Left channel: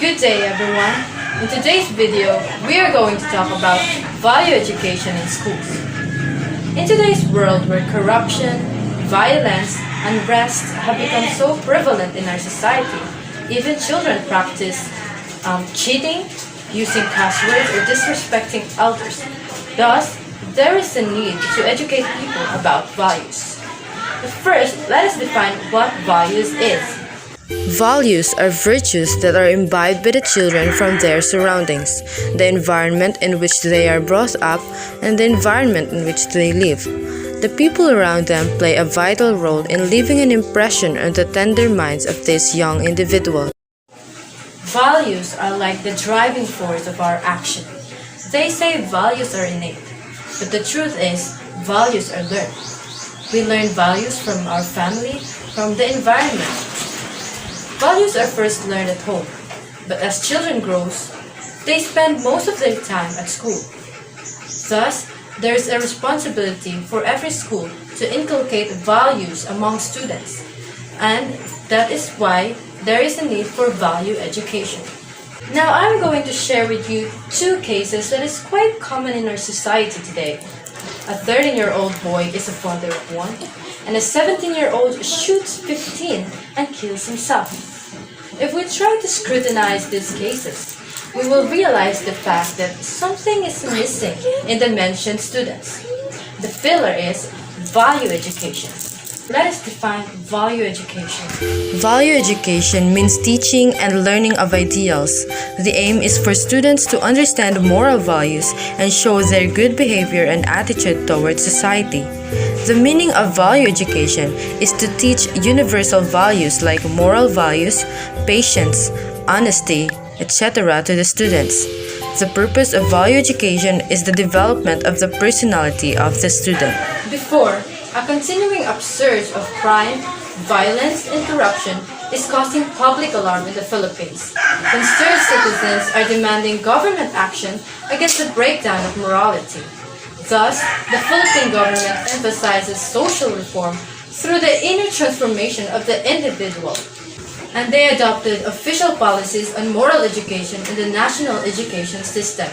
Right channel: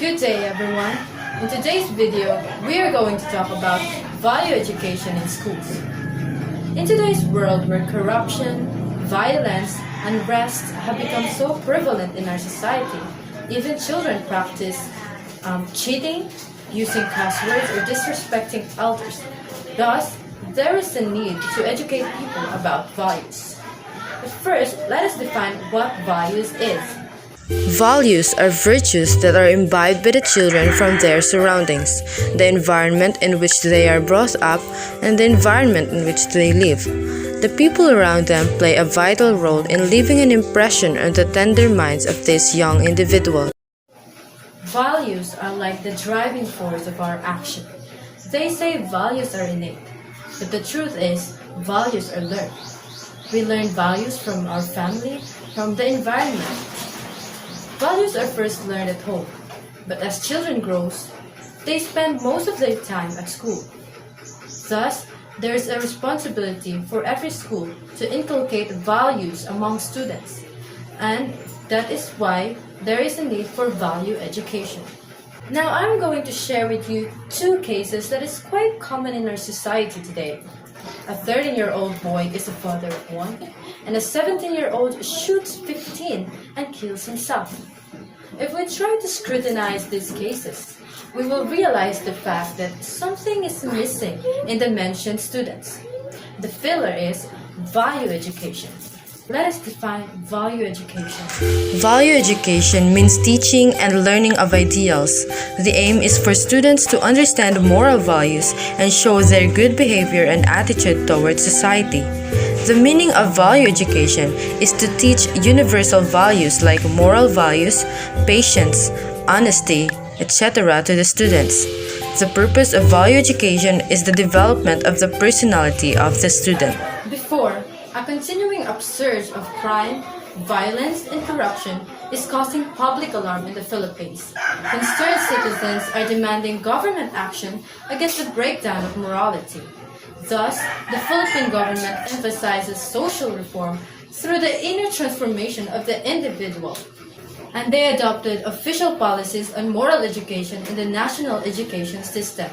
Good day everyone. In today's video, we are going to talk about value education in schools. In today's world where corruption, violence, unrest have become so prevalent in our society, even children practice cheating, using cuss words, or disrespecting elders. Thus, there is a need to educate people about values. But first, let us define what values is. Values are virtues that are imbibed by the children from their surroundings, the environment in which they are brought up, and the environment in which they live. The people around them play a vital role in leaving an impression on the tender minds of these young individuals. Values are like the driving force of our action. They say values are innate, but the truth is, values are learned. We learn values from our family, from the environment. Values are first learned at home, but as children grow, they spend most of their time at school. Thus, there is a responsibility for every school to inculcate values among students, and that is why there is a need for value education. Now I'm going to share with you two cases that is quite common in our society today. A 13-year-old boy is a father of one, and a 17-year-old shoots 15 and kills himself. If we try to scrutinize these cases, we will realize the fact that something is missing in the mentioned students. The filler is value education. Let us define value education. Value education means teaching and learning of ideals. The aim is for students to understand moral values and show their good behavior and attitude towards society. The meaning of value education is to teach universal values like moral values, patience, honesty, etc. to the students. The purpose of value education is the development of the personality of the student. Before, a continuing upsurge of crime, violence, and corruption is causing public alarm in the Philippines. Concerned citizens are demanding government action against the breakdown of morality. Thus, the Philippine government emphasizes social reform through the inner transformation of the individual. And they adopted official policies on moral education in the national education system.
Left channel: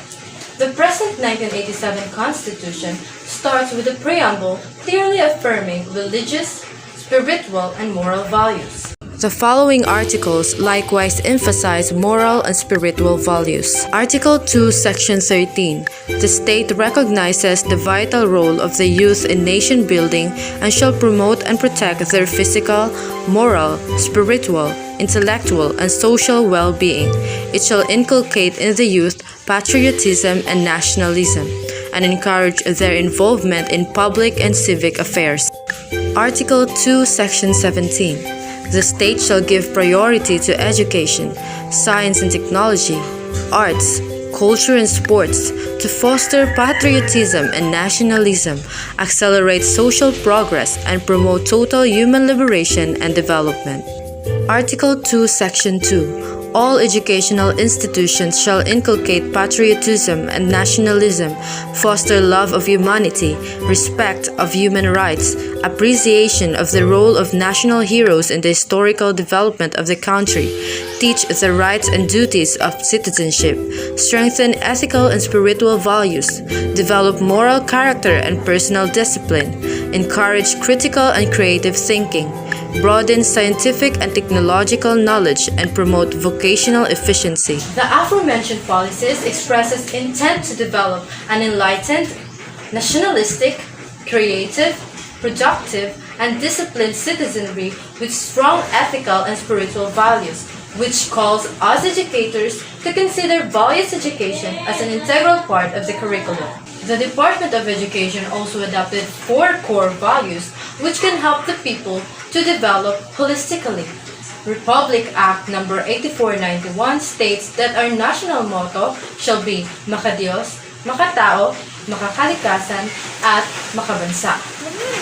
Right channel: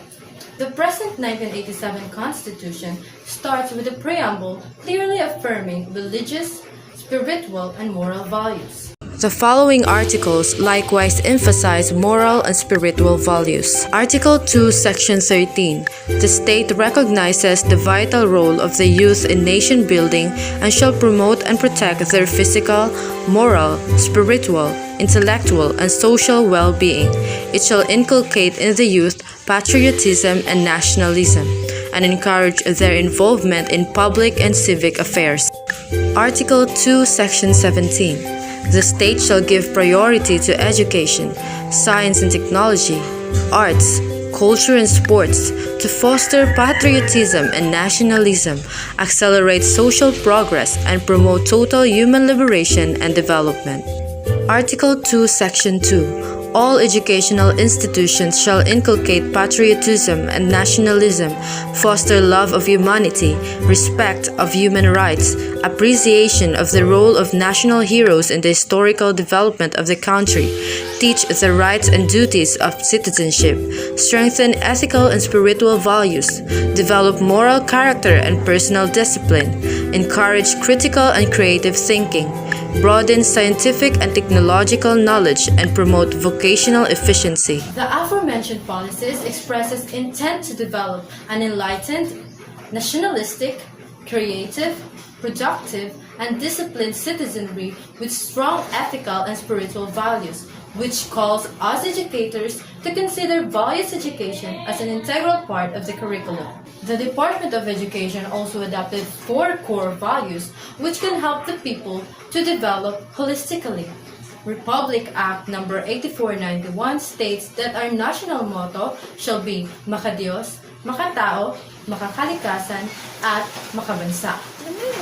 The present 1987 Constitution starts with a preamble clearly affirming religious, spiritual, and moral values. The following articles likewise emphasize moral and spiritual values. Article 2, Section 13. The state recognizes the vital role of the youth in nation building and shall promote and protect their physical, moral, spiritual, intellectual, and social well-being. It shall inculcate in the youth patriotism and nationalism, and encourage their involvement in public and civic affairs. Article 2, Section 17. The state shall give priority to education, science and technology, arts, culture and sports to foster patriotism and nationalism, accelerate social progress, and promote total human liberation and development. Article 2, Section 2. All educational institutions shall inculcate patriotism and nationalism, foster love of humanity, respect of human rights, appreciation of the role of national heroes in the historical development of the country, teach the rights and duties of citizenship, strengthen ethical and spiritual values, develop moral character and personal discipline, encourage critical and creative thinking, broaden scientific and technological knowledge, and promote vocational efficiency. The aforementioned policies expresses intent to develop an enlightened, nationalistic, creative, productive, and disciplined citizenry with strong ethical and spiritual values, which calls us educators to consider values education as an integral part of the curriculum. The Department of Education also adopted 4 core values which can help the people to develop holistically. Republic Act No. 8491 states that our national motto shall be Makadiyos, Makatao, Makakalikasan, at Makabansa.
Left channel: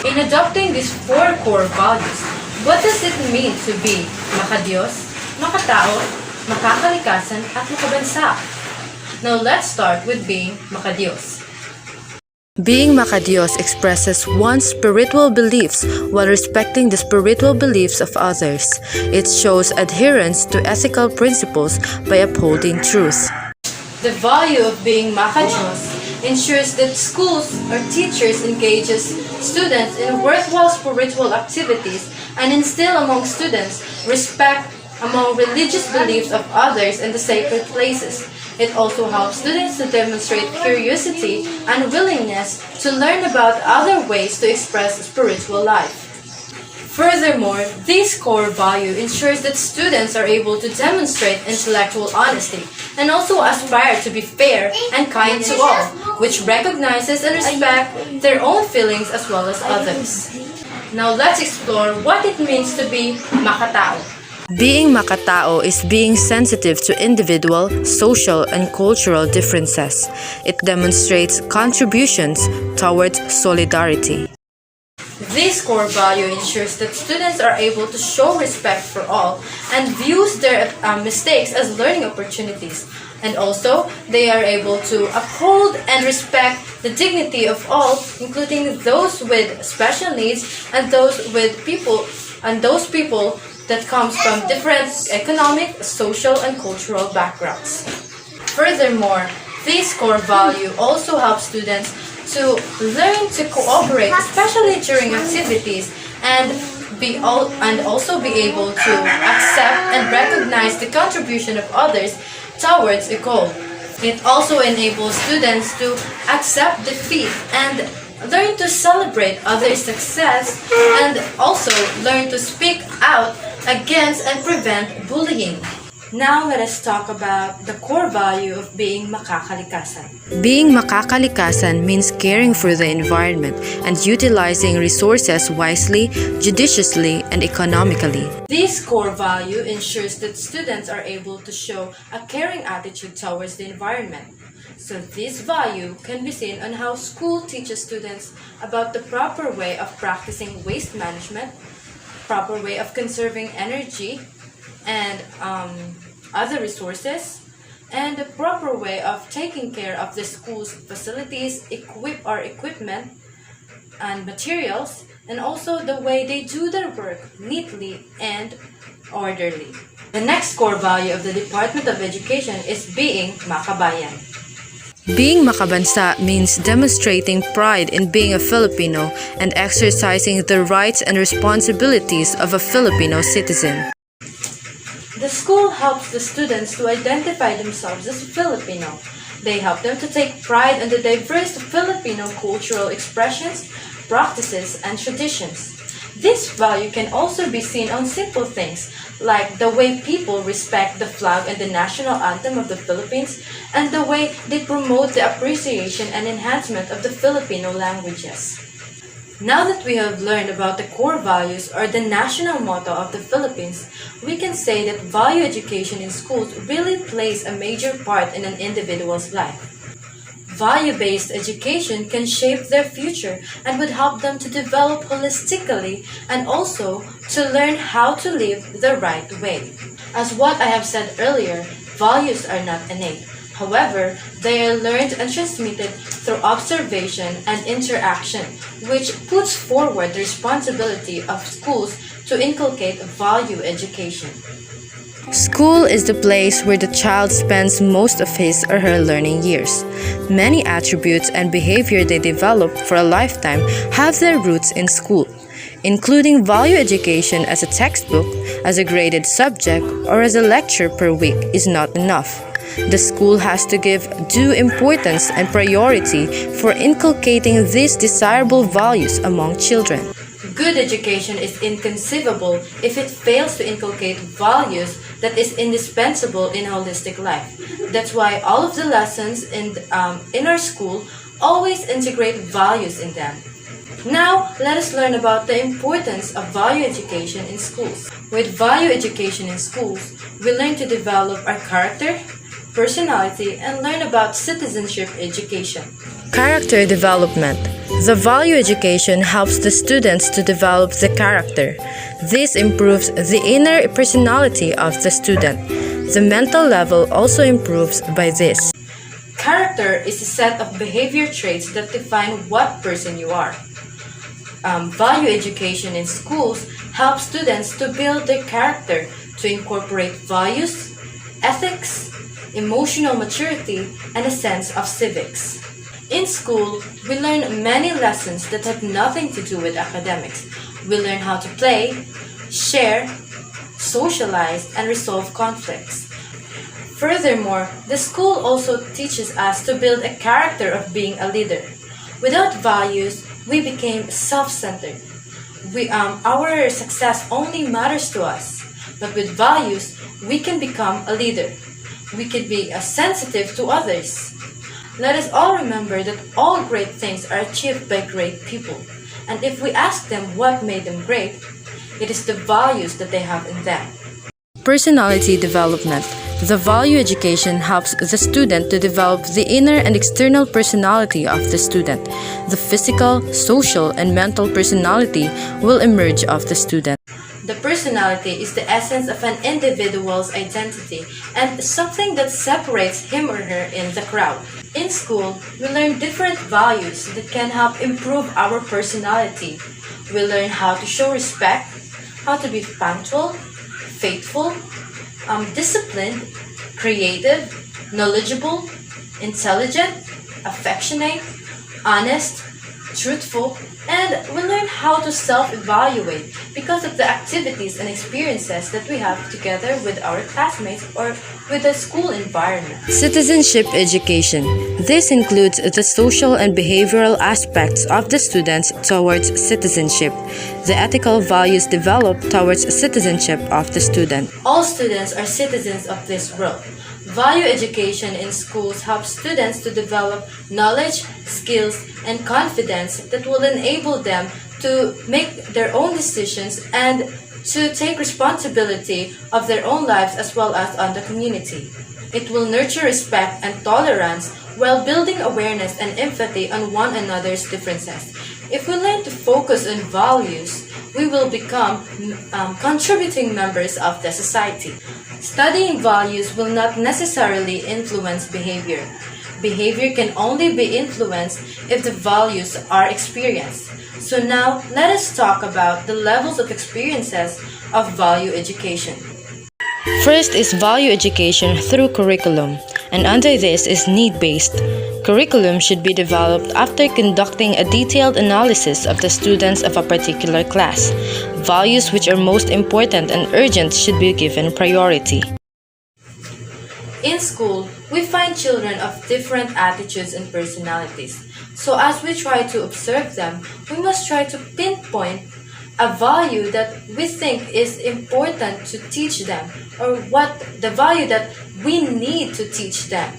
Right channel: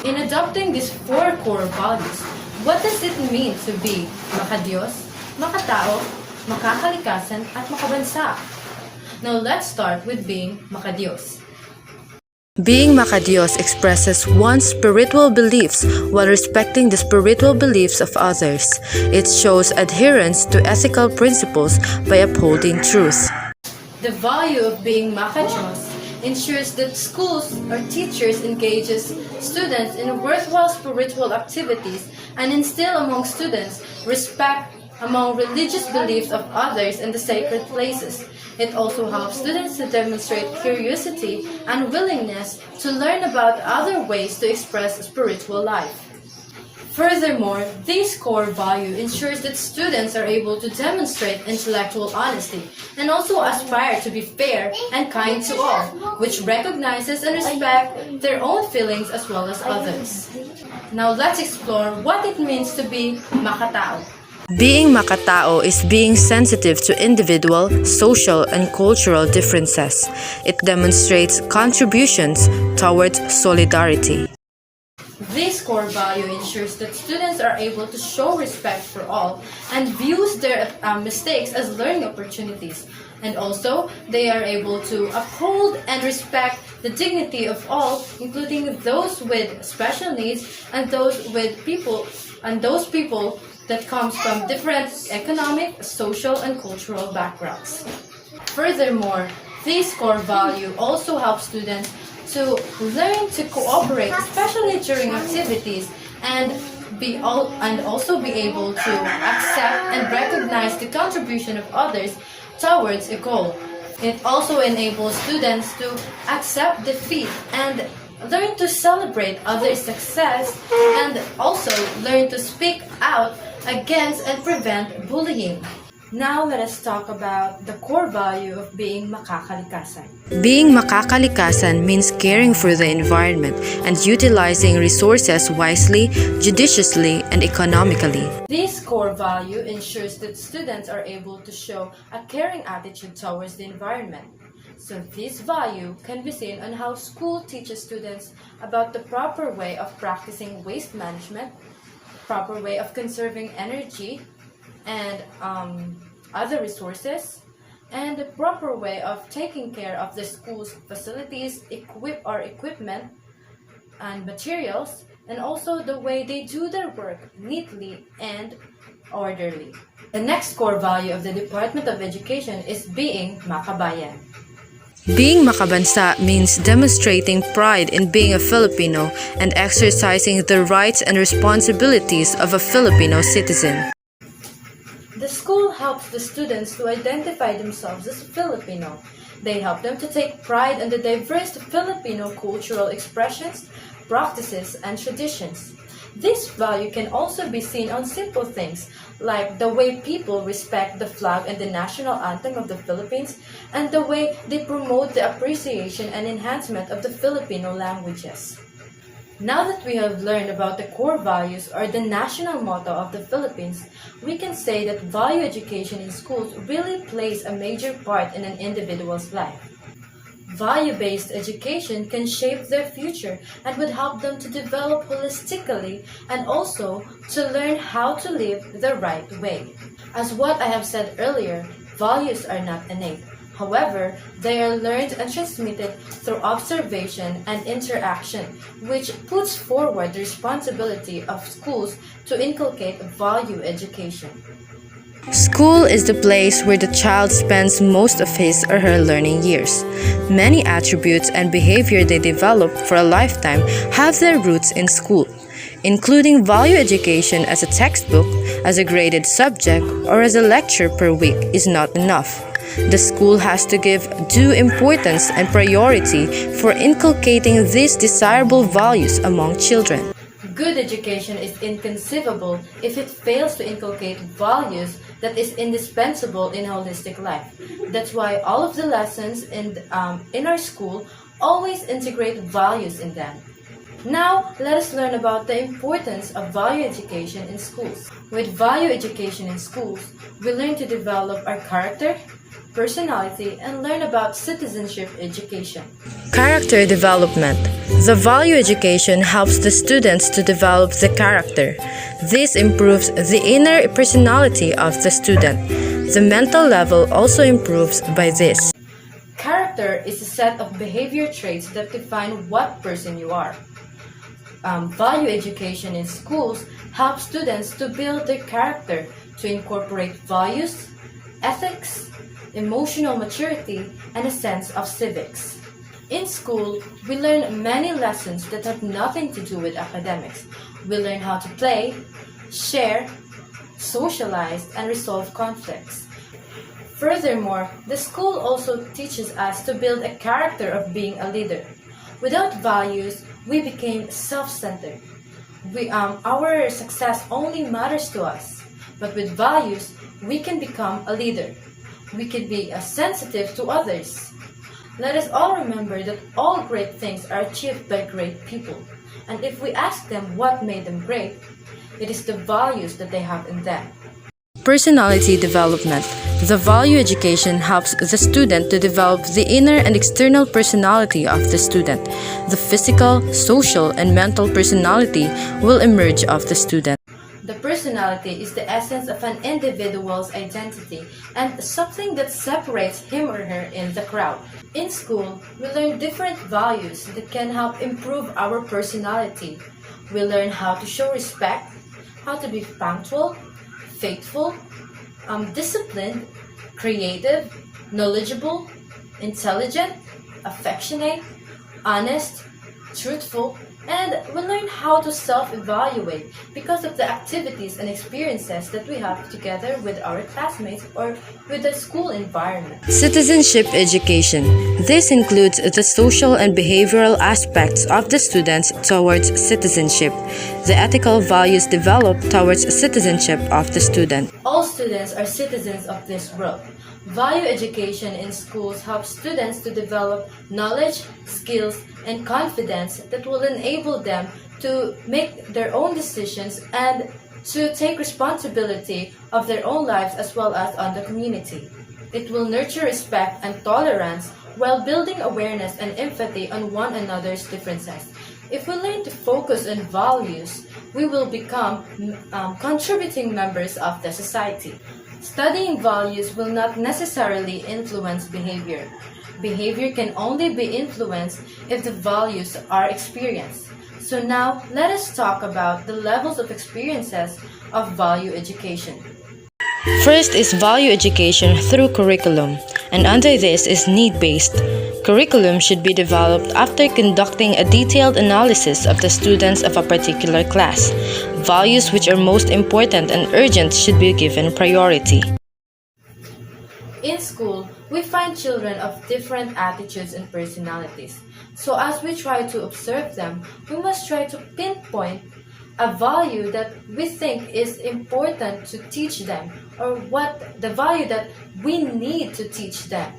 In adopting these 4 core values, what does it mean to be Makadiyos, Makatao, Makakalikasan, at Makabansa? Now let's start with being Makadiyos. Being Makadios expresses one's spiritual beliefs while respecting the spiritual beliefs of others. It shows adherence to ethical principles by upholding truth. The value of being Macadios ensures that schools or teachers engages students in worthwhile spiritual activities and instill among students respect among religious beliefs of others and the sacred places. It also helps students to demonstrate curiosity and willingness to learn about other ways to express spiritual life. Furthermore, this core value ensures that students are able to demonstrate intellectual honesty and also aspire to be fair and kind to all, which recognizes and respects their own feelings as well as others. Now let's explore what it means to be makatao. Being makatao is being sensitive to individual, social, and cultural differences. It demonstrates contributions towards solidarity. This core value ensures that students are able to show respect for all and views their mistakes as learning opportunities. And also, they are able to uphold and respect the dignity of all, including those with special needs and those people that comes from different economic, social, and cultural backgrounds. Furthermore, this core value also helps students to learn to cooperate, especially during activities, and also be able to accept and recognize the contribution of others towards a goal. It also enables students to accept defeat and learn to celebrate others' success and also learn to speak out against and prevent bullying. Now let us talk about the core value of being makakalikasan. Being makakalikasan means caring for the environment and utilizing resources wisely, judiciously, and economically. This core value ensures that students are able to show a caring attitude towards the environment. So this value can be seen on how school teaches students about the proper way of practicing waste management, proper way of conserving energy and other resources, and the proper way of taking care of the school's facilities, equipment and materials, and also the way they do their work neatly and orderly. The next core value of the Department of Education is being makabayan. Being makabansa means demonstrating pride in being a Filipino and exercising the rights and responsibilities of a Filipino citizen. The school helps the students to identify themselves as Filipino. They help them to take pride in the diverse Filipino cultural expressions, practices, and traditions. This value can also be seen on simple things like the way people respect the flag and the national anthem of the Philippines, and the way they promote the appreciation and enhancement of the Filipino languages. Now that we have learned about the core values or the national motto of the Philippines, we can say that value education in schools really plays a major part in an individual's life. Value-based education can shape their future and would help them to develop holistically and also to learn how to live the right way. As what I have said earlier, values are not innate. However, they are learned and transmitted through observation and interaction, which puts forward the responsibility of schools to inculcate value education. School is the place where the child spends most of his or her learning years. Many attributes and behavior they develop for a lifetime have their roots in school. Including value education as a textbook, as a graded subject, or as a lecture per week is not enough. The school has to give due importance and priority for inculcating these desirable values among children. Good education is inconceivable if it fails to inculcate values that is indispensable in holistic life. That's why all of the lessons in our school always integrate values in them. Now, let us learn about the importance of value education in schools. With value education in schools, we learn to develop our character, personality, and learn about citizenship education. Character development. The value education helps the students to develop the character. This improves the inner personality of the student. The mental level also improves by this. Character is a set of behavior traits that define what person you are. Value education in schools helps students to build their character, to incorporate values, ethics, emotional maturity, and a sense of civics. In school, we learn many lessons that have nothing to do with academics. We learn how to play, share, socialize, and resolve conflicts. Furthermore, the school also teaches us to build a character of being a leader. Without values, we became self-centered. Our success only matters to us. But with values, we can become a leader. We can be sensitive to others. Let us all remember that all great things are achieved by great people. And if we ask them what made them great, it is the values that they have in them. Personality development. The value education helps the student to develop the inner and external personality of the student. The physical, social, and mental personality will emerge of the student. The personality is the essence of an individual's identity and something that separates him or her in the crowd. In school, we learn different values that can help improve our personality. We learn how to show respect, how to be punctual, faithful, disciplined, creative, knowledgeable, intelligent, affectionate, honest, truthful, and we learn how to self-evaluate because of the activities and experiences that we have together with our classmates or with the school environment. Citizenship education. This includes the social and behavioral aspects of the students towards citizenship, the ethical values developed towards citizenship of the student. All students are citizens of this world. Value education in schools helps students to develop knowledge, skills, and confidence that will enable them to make their own decisions and to take responsibility of their own lives as well as on the community. It will nurture respect and tolerance while building awareness and empathy on one another's differences. If we learn to focus on values, we will become contributing members of the society. Studying values will not necessarily influence behavior. Behavior can only be influenced if the values are experienced. So now, let us talk about the levels of experiences of value education. First is value education through curriculum, and under this is need-based. Curriculum should be developed after conducting a detailed analysis of the students of a particular class. Values which are most important and urgent should be given priority. In school, we find children of different attitudes and personalities. So as we try to observe them, we must try to pinpoint a value that we think is important to teach them, or what the value that we need to teach them.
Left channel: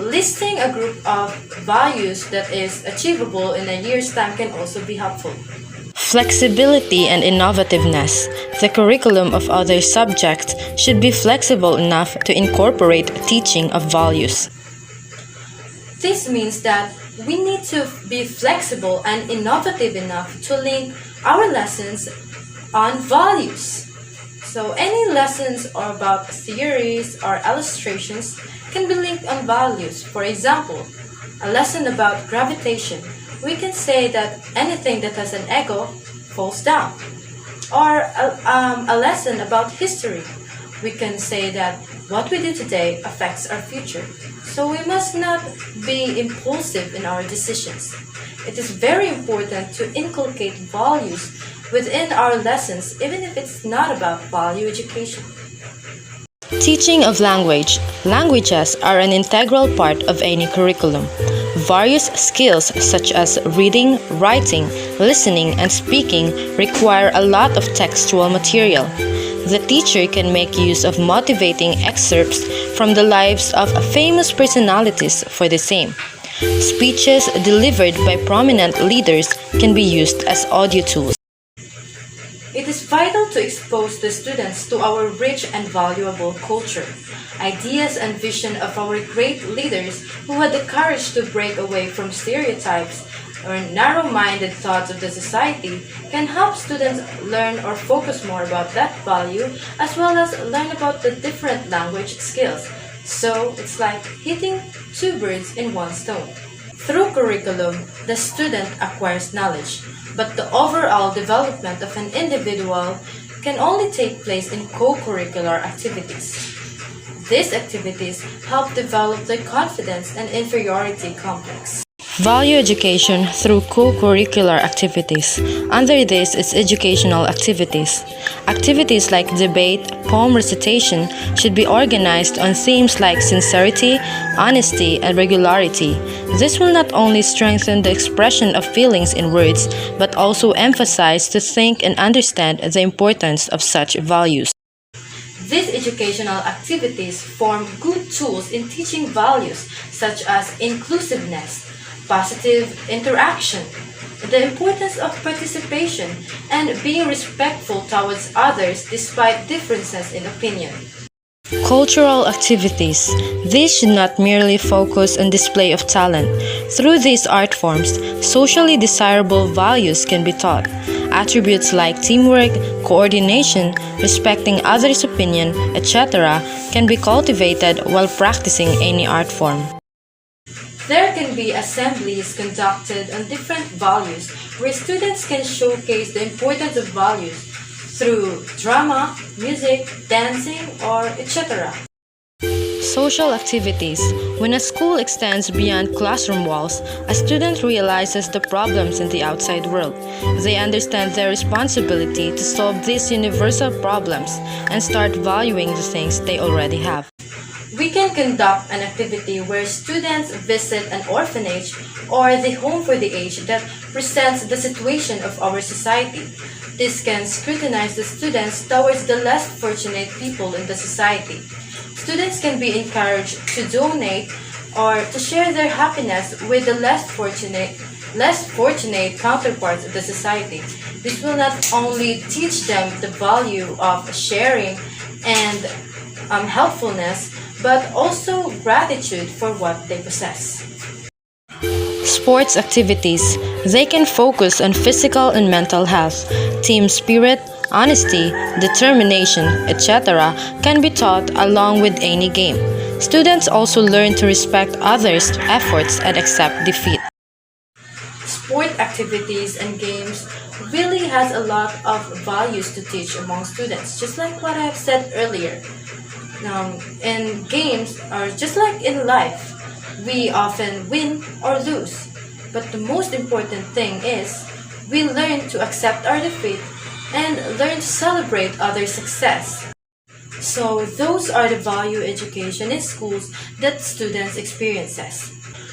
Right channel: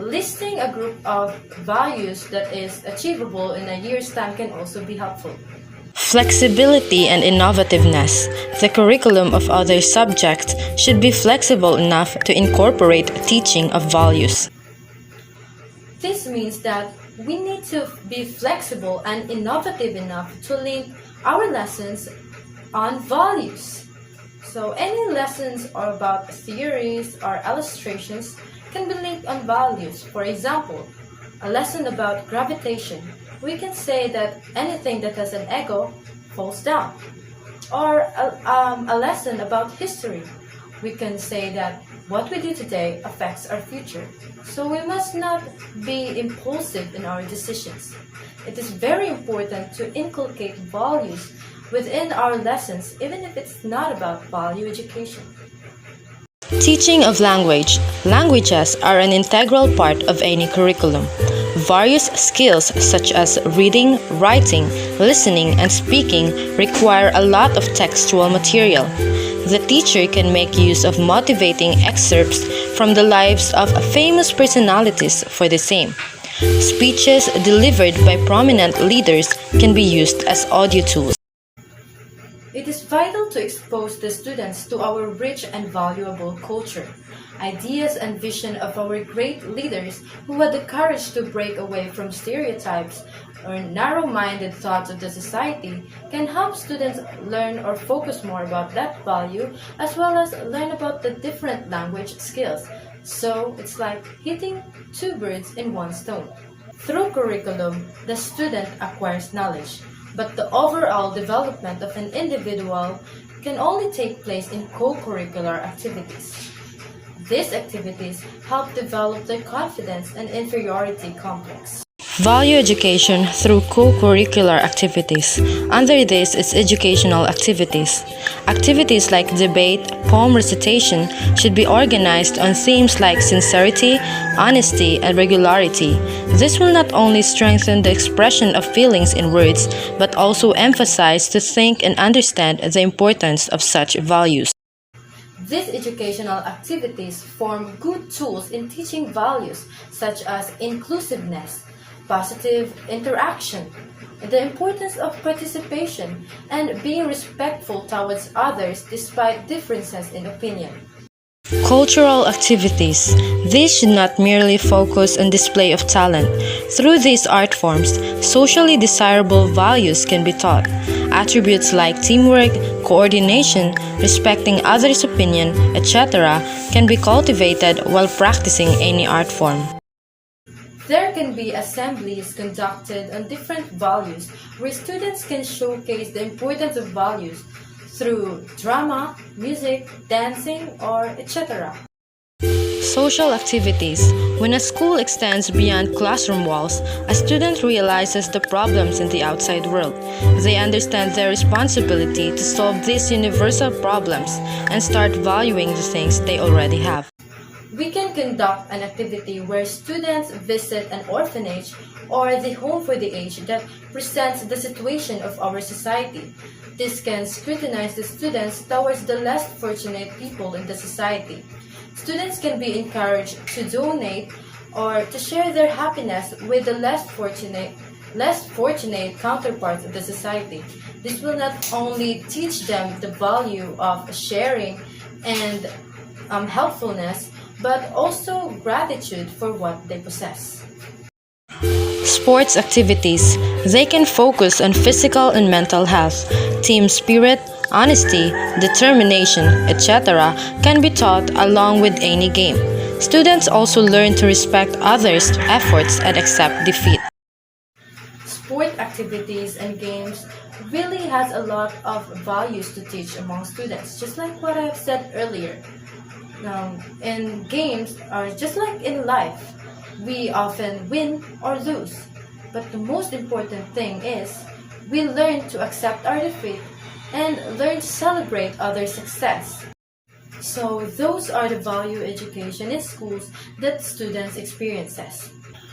Listing a group of values that is achievable in a year's time can also be helpful. Flexibility and innovativeness. The curriculum of other subjects should be flexible enough to incorporate teaching of values. This means that we need to be flexible and innovative enough to link our lessons on values. So any lessons or about theories or illustrations can be linked on values. For example, a lesson about gravitation. We can say that anything that has an ego falls down. Or a lesson about history. We can say that what we do today affects our future. So we must not be impulsive in our decisions. It is very important to inculcate values within our lessons, even if it's not about value education. Teaching of language. Languages are an integral part of any curriculum. Various skills such as reading, writing, listening, and speaking require a lot of textual material. The teacher can make use of motivating excerpts from the lives of famous personalities for the same. Speeches delivered by prominent leaders can be used as audio tools. It is vital to expose the students to our rich and valuable culture. Ideas and vision of our great leaders who had the courage to break away from stereotypes or narrow-minded thoughts of the society can help students learn or focus more about that value, as well as learn about the different language skills. So it's like hitting two birds in one stone. Through curriculum, the student acquires knowledge, but the overall development of an individual can only take place in co-curricular activities. These activities help develop their confidence and inferiority complex. Value education through co-curricular activities. Under this is educational activities. Activities like debate, poem recitation should be organized on themes like sincerity, honesty, and regularity. This will not only strengthen the expression of feelings in words, but also emphasize to think and understand the importance of such values. These educational activities form good tools in teaching values such as inclusiveness, positive interaction, the importance of participation, and being respectful towards others despite differences in opinion. Cultural activities. These should not merely focus on display of talent. Through these art forms, socially desirable values can be taught. Attributes like teamwork, coordination, respecting others' opinion, etc. can be cultivated while practicing any art form. There can be assemblies conducted on different values where students can showcase the importance of values through drama, music, dancing, or etc. Social activities. When a school extends beyond classroom walls, a student realizes the problems in the outside world. They understand their responsibility to solve these universal problems and start valuing the things they already have. We can conduct an activity where students visit an orphanage or the home for the aged that presents the situation of our society. This can scrutinize the students towards the less fortunate people in the society. Students can be encouraged to donate or to share their happiness with the less fortunate counterparts of the society. This will not only teach them the value of sharing and helpfulness, but also gratitude for what they possess. Sports activities. They can focus on physical and mental health. Team spirit, honesty, determination, etc. can be taught along with any game. Students also learn to respect others' efforts and accept defeat. Sport activities and games really has a lot of values to teach among students, just like what I've said earlier. In games, or just like in life, we often win or lose. But the most important thing is we learn to accept our defeat and learn to celebrate others' success. So those are the value education in schools that students experiences.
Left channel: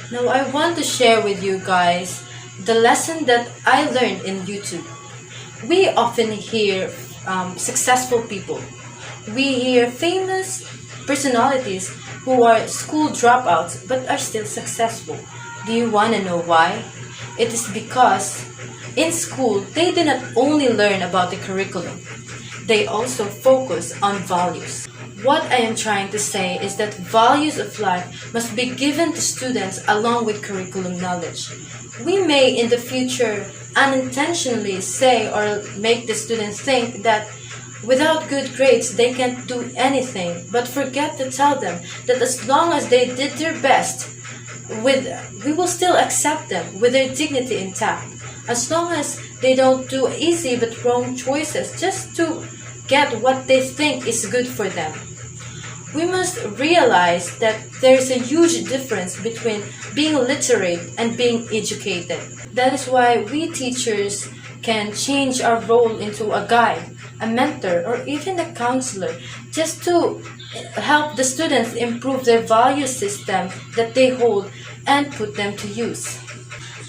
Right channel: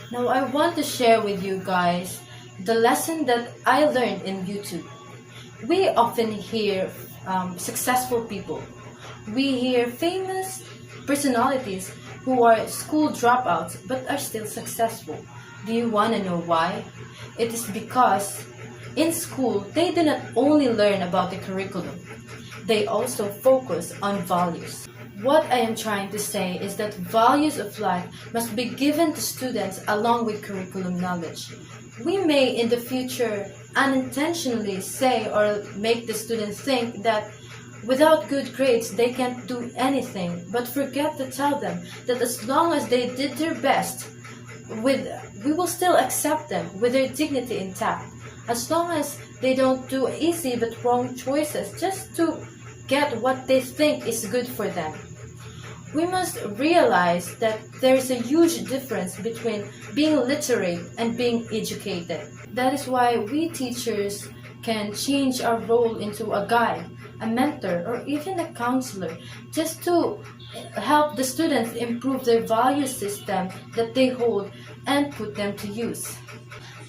Now I want to share with you guys the lesson that I learned in YouTube. We often hear successful people. We hear famous personalities who are school dropouts but are still successful. Do you want to know why? It is because in school they do not only learn about the curriculum, they also focus on values. What I am trying to say is that values of life must be given to students along with curriculum knowledge. We may in the future unintentionally say or make the students think that without good grades they can't do anything, but forget to tell them that as long as they did their best, we will still accept them with their dignity intact. As long as they don't do easy but wrong choices just to get what they think is good for them. We must realize that there is a huge difference between being literate and being educated. That is why we teachers can change our role into a guide, a mentor, or even a counselor just to help the students improve their value system that they hold and put them to use.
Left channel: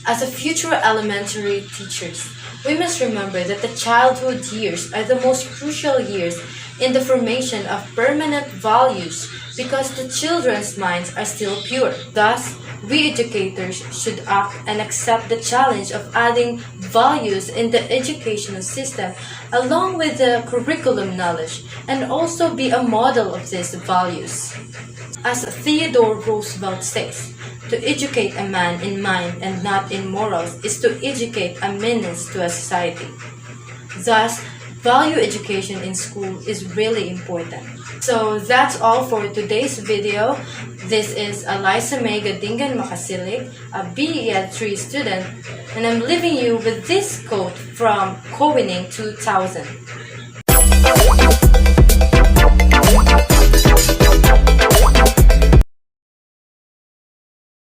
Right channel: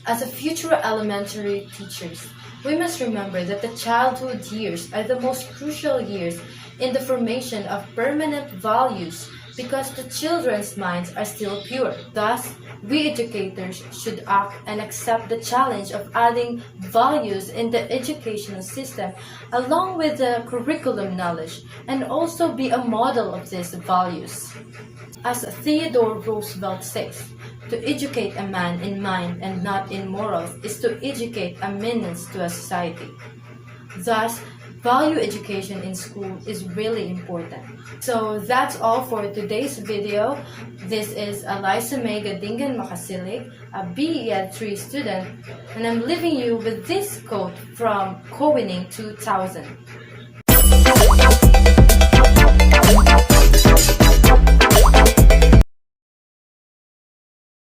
As a future elementary teachers, we must remember that the childhood years are the most crucial years in the formation of permanent values because the children's minds are still pure. Thus, we educators should act and accept the challenge of adding values in the educational system along with the curriculum knowledge and also be a model of these values. As Theodore Roosevelt says, to educate a man in mind and not in morals is to educate a menace to a society. Thus, value education in school is really important. So that's all for today's video. This is Alyssa Mae G Macasiljig, a BE Ed 3 student, and I'm leaving you with this quote from Cowining 2000.